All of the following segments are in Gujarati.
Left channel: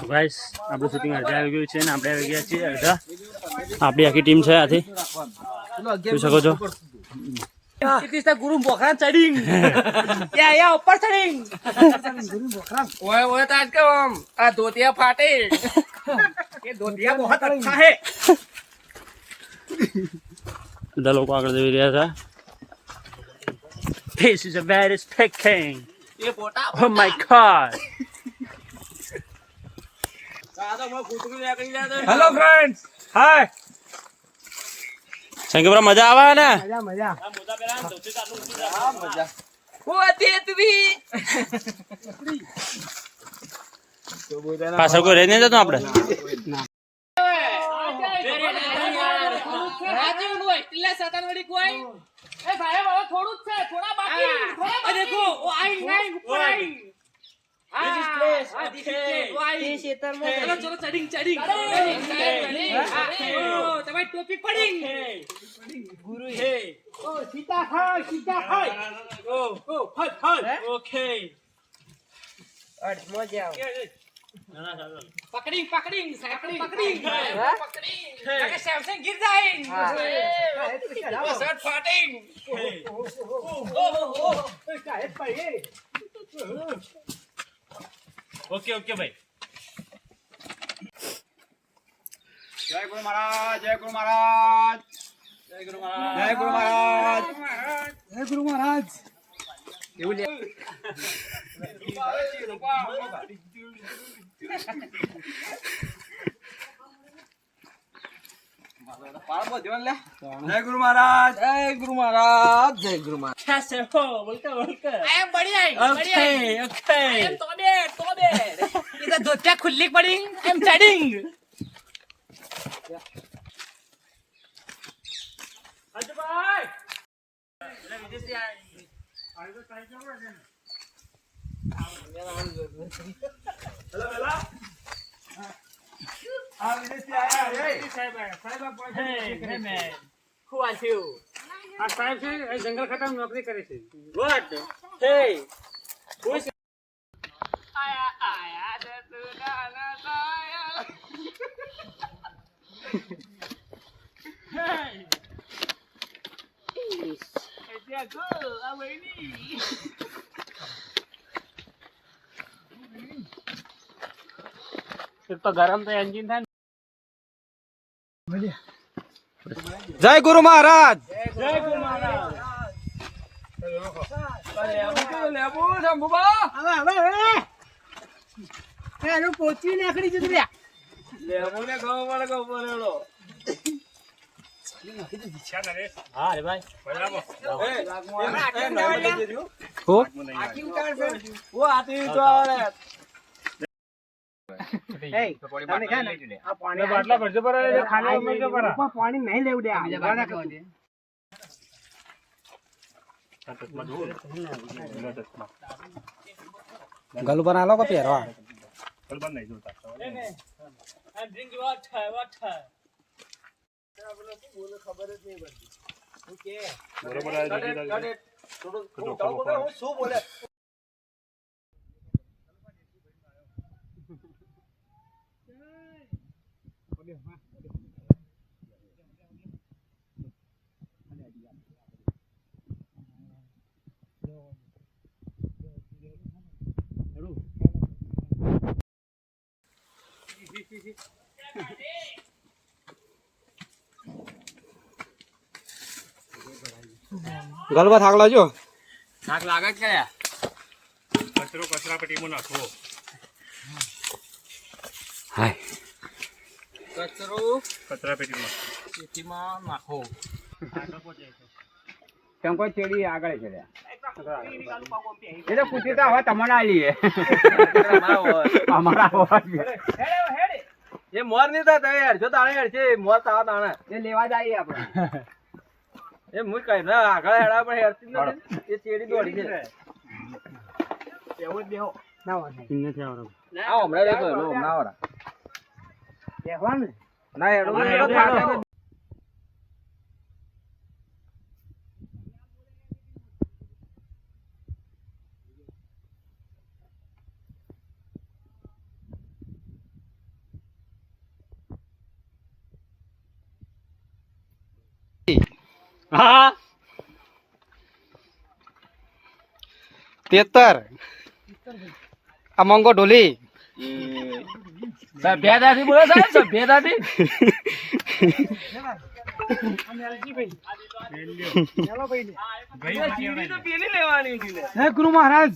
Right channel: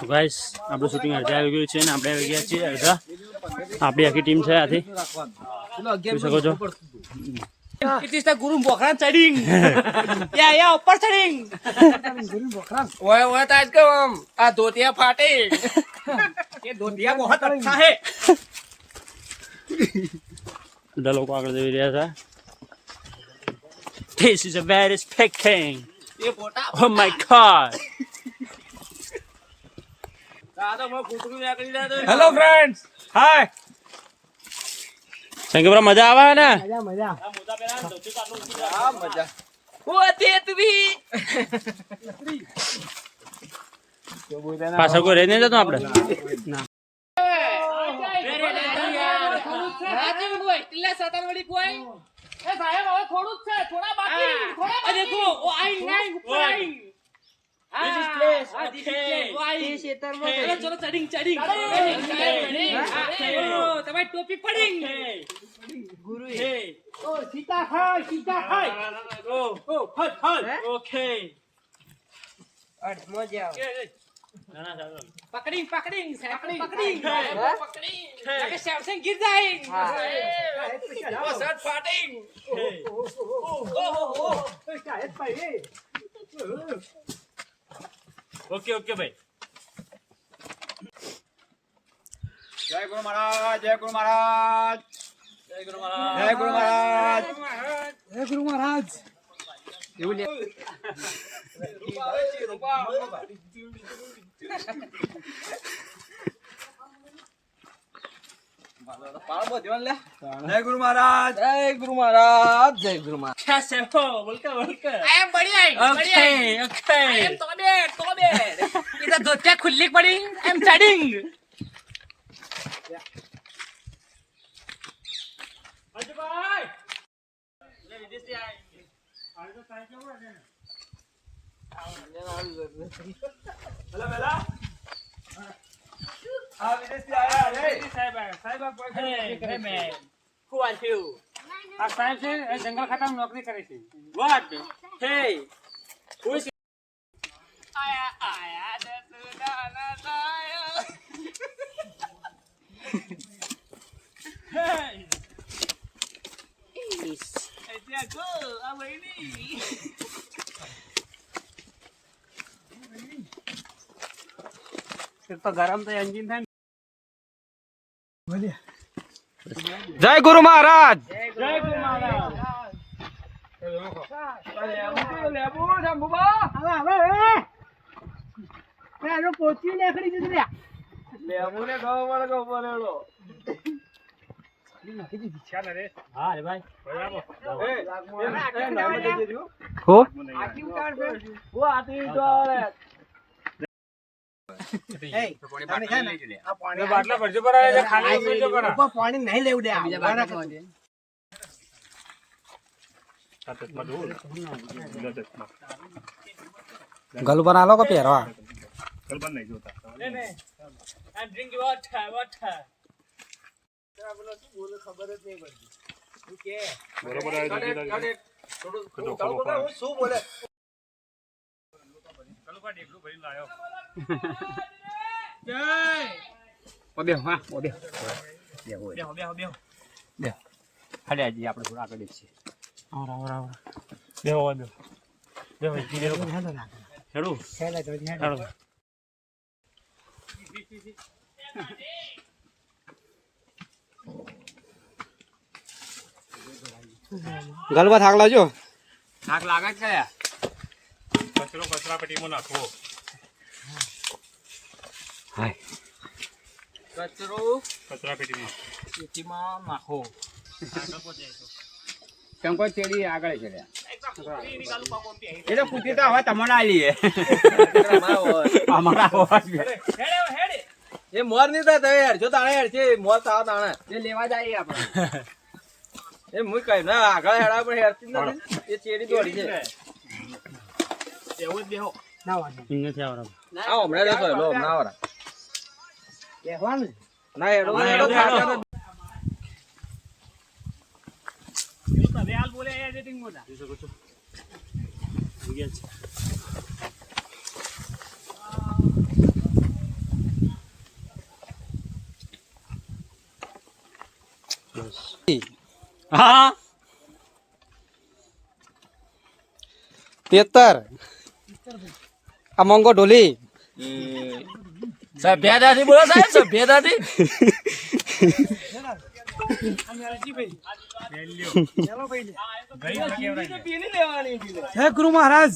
તો ગાઈસ આપણું શૂટિંગ અડધા આવી ગયું છે ને આપણે આવી ગયા છીએ અડધા આપણી આખી ટીમ છે આથી જોઈ શકો છો It is the Guru Bokran trading. yeah, yeah, ઉપર trading. ઓય ઓય તાજ કે આમ આ ધોતિયા ફાટે ये धोतिया बहुत अच्छा है બધા લોકો આગળ જઈ રહ્યા હતા This is a very speaking. ये पोटा Oh my god. Hello friends hi સંગે મજા આવે ને? આ મજા હું હતી તું પાછળ કોઈ રહી નહીં જતું આપણે તમારી ટોપી પડી ગુરુ સીતા ખાય સીતા ખાય ઓકે પકડી પકડી સાયકલ પકડી પકડી સેમસંગ ગીર જાય ઓ શર્ટ ફાટિંગ ઓકે ઓકે ભાઈ. જય ગુરુ મહારાજ જય ગુરુ મહારાજ. જય ગુરુ મહારાજ. જય ગુરુ મહારાજ. જય ગુરુ મહારાજ. જય ગુરુ મહારાજ. જય ગુરુ મહારાજ. इधर धोतिया खुली पड़ी I am studying અજભાઈ એટલે વિદેશથી આયા આ વિદેશથી આયા રે Hey, hey man. Who are you? આ સાહેબ છે એ જંગલ ખાતામાં નોકરી કરે છે What? Hey. Who is આયા આયા દસુદાના સાયા Hey. એટલે ગો આ વઈની એક તો ગરમ તો એન્જિન થાય ને જય ગુરુ મહારાજ જય ગુરુ મહારાજ લેબુ શંભુબા લેબુ ને ગો પડે ગો પડેલો હા રે ભાઈ. હો? ઓ આતી તો આવે. બાટલા ભરજો પર ખાલી ભરજો પર પાણી નહીં લેવું દે ગલ બનાલો કે પહેરવા? I'm drinking water, water. શું બોલે? ઓબે હા ઓબે બે હો બે. ખાલી આજે આપણે થોડા આગળ છીએ આવરા આવરા આવરા. બેહો બે હો ઈ બેહો હેડું હેડું ગલબા થાક લાજો થાક લાગે છે કયા? કચરો કચરા પેટીમાં નાખવો. કચરો કચરા પેટીમાં. પેટીમાં નાખો. કેમ કોઈ ચેડી આગળ ચડ્યા એટલે તો પૂછી તો હવે તમને આલીએ અમારા એ મોરની થાય તમે હેડ જો તાણે હેડ છે મોર તા તાણે. એ લેવા જઈએ આપણે. એ મુઈ કઈ ના આગળ હેડા પર હેડતી જ નથી. એ ચેડી દોડી છે. એવું જ બેહો. નથી આવરા આ હમણાં લેતો હેલો હમણાં આવરા ના હેડો ના, હેડો, હેડો. બોલે એડિટિંગ મોટા જોઈ શકો છો આવી ગયા છે હા તેતર આ મોંગો ઢોલી સભ્યતાથી બોલો સાહેબ સભ્યતાથી હે ગુરુ મહારાજ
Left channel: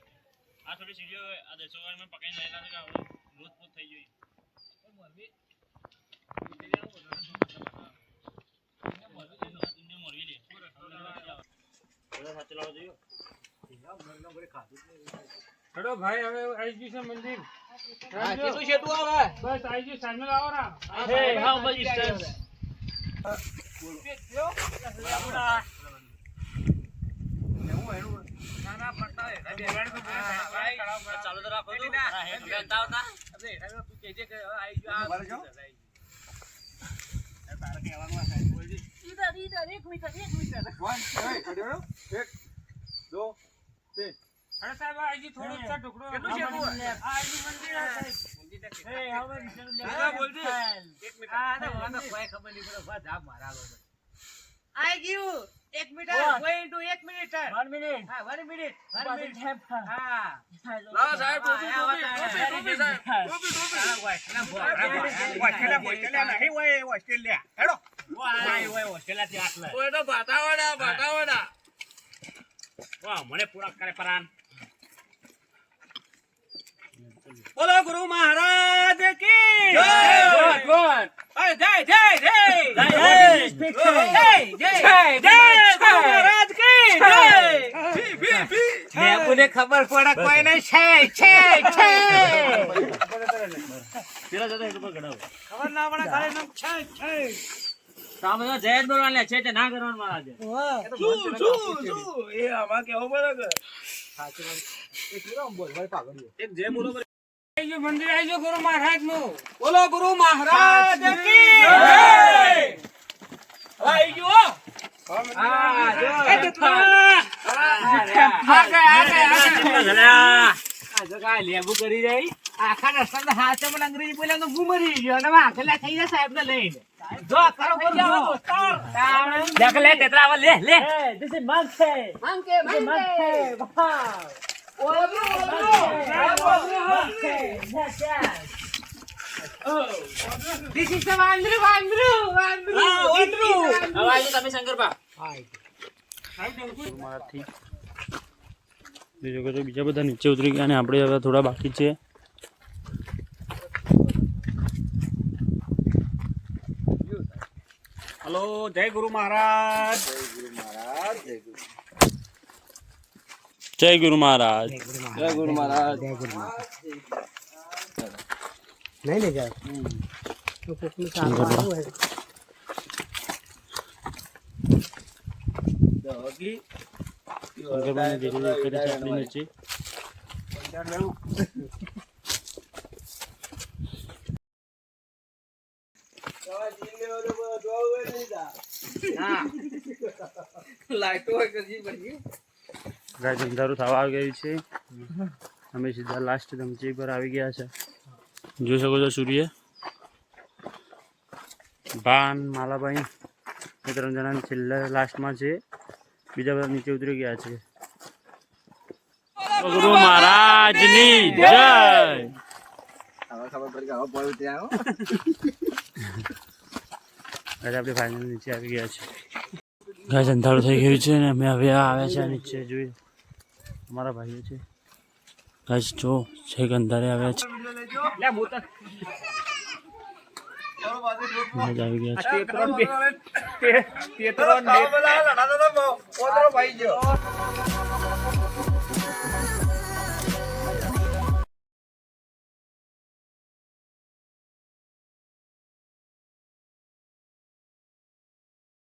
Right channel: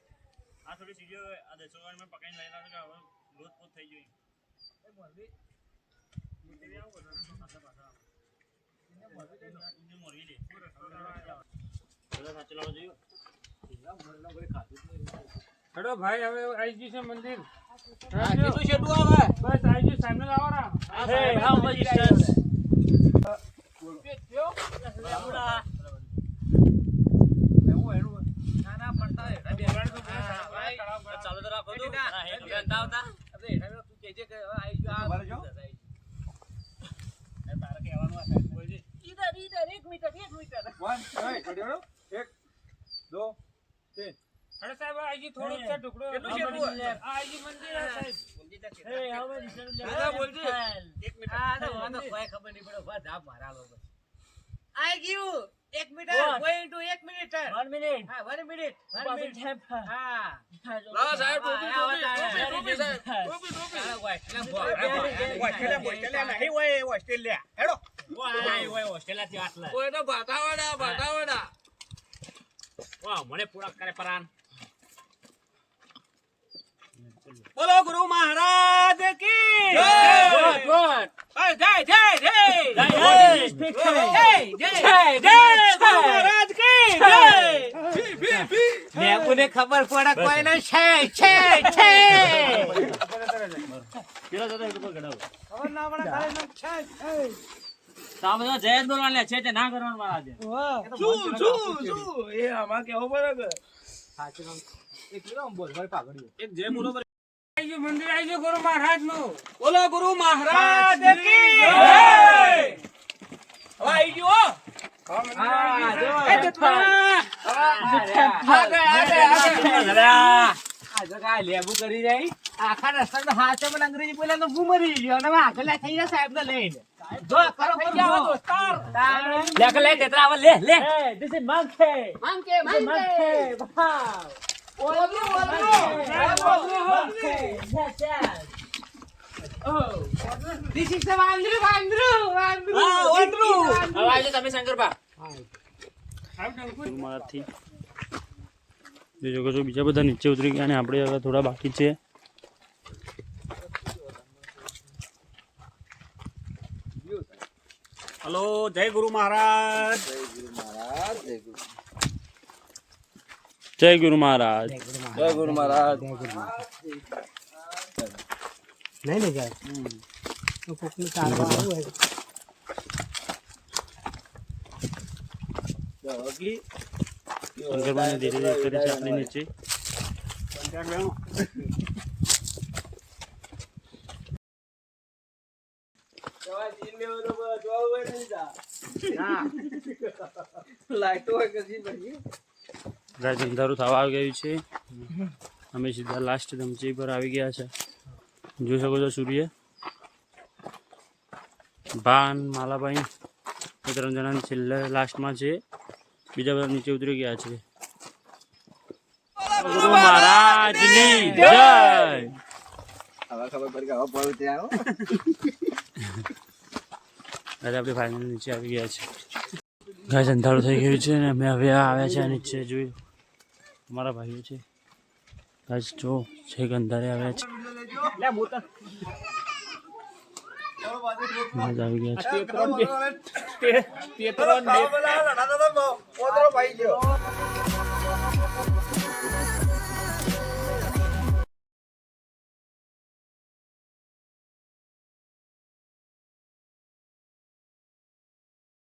આ થોડી સીડીઓ આ દેશો માં પકડીને લઈ કે હવે લોટ પોત થઈ ગઈ. હેડો ભાઈ હવે આઈ ગયું છે મંદિર. આવે? બસ આઈ ગયું સામે લાવો how much distance? ચાલુ તો રાખો તું. આવતા. અરે સાહેબ આઈ ગયું થોડું ટુકડો કેટલું છે ટુકડો? આ આઈ ગયું બોલજે. આઈ ગયું one minute. One One minute. minute. હા. લાવો સાહેબ વન મિનિટ ટોપી તારે. ટોપી ટોપી સાહેબ. ટોપી ટોપી. ઓય તો ભાટાવાડા ભાટાવાડા મને પૂરા કરે પરાન. બોલો ગુરુ મહારાજ કી જય! Good. જય. જય જય. જય, જય. જય જય જય ગુરુ મહારાજ કી જય લેબુને ખબર પડે કોઈ નહીં છે છે છે. પેલા જતો. ખબર ના પડે ખાલી નામ છે છે. તો જય જ છે તે ના કરવાનું મારા આજે. શું શું શું એ આમાં કેવું પડે કે? આઈ ગયું મંદિર આઈ ગુરુ મહારાજનું બોલો ગુરુ મહારાજ કી જય. આઈ હા. જો લેબુ કરી રહી. આખા રસ્તા હાથે પણ અંગ્રેજી બોલ્યા તો ગુમરી ગયો અને હવે થઈ જાય સાહેબ ને લઈને. જો કરો કરો દોસ્તાર લે લે, તેતરા આવે, લે, લે. માંગે માંગે ઓલરું ઓલરું This is the વાંદરું વાંદરું વાંદરું હા, વાંદરું. વાંદરું. હવે આવજો તમે શંકરબા. સાહેબ મારાથી બીજું કશું બીજા બધા નીચે ઉતરી ગયા અને આપણે હવે થોડા બાકી છે. હલો જય ગુરુ મહારાજ. જય ગુરુ મહારાજ જય ગુરુ મહારાજ. જય ગુરુ મહારાજ. કરે છે આપણે નીચે લાઈટો હોય. કે જી બની રાજ અંધારું થવા આવી ગયું છે. અમે સીધા લાસ્ટ ધમચી પર આવી ગયા છે. જોઈ શકો છો સૂર્ય. ભાન, માલાભાઈ, એ ત્રણ જણા છેલ્લા લાસ્ટમાં છે. બીજા બધા નીચે ઉતરી ગયા છે. ગુરુ મહારાજની જય. હવે ખબર પડી કે હવે પડ્યું ત્યાં આજે આપણે ફાઇનલ નીચે આવી ગયા છીએ. ગાય અંધારું થઈ ગયું છે ને અમે હવે આવ્યા છે નીચે જોયું. અમારા ભાઈઓ છે. ગાય જો છેક અંધારે આવ્યા છે. ગાય આવી ગયા છે તેતરો ને બે- તે- તેતરો ને બે- ભાઈ ગયો.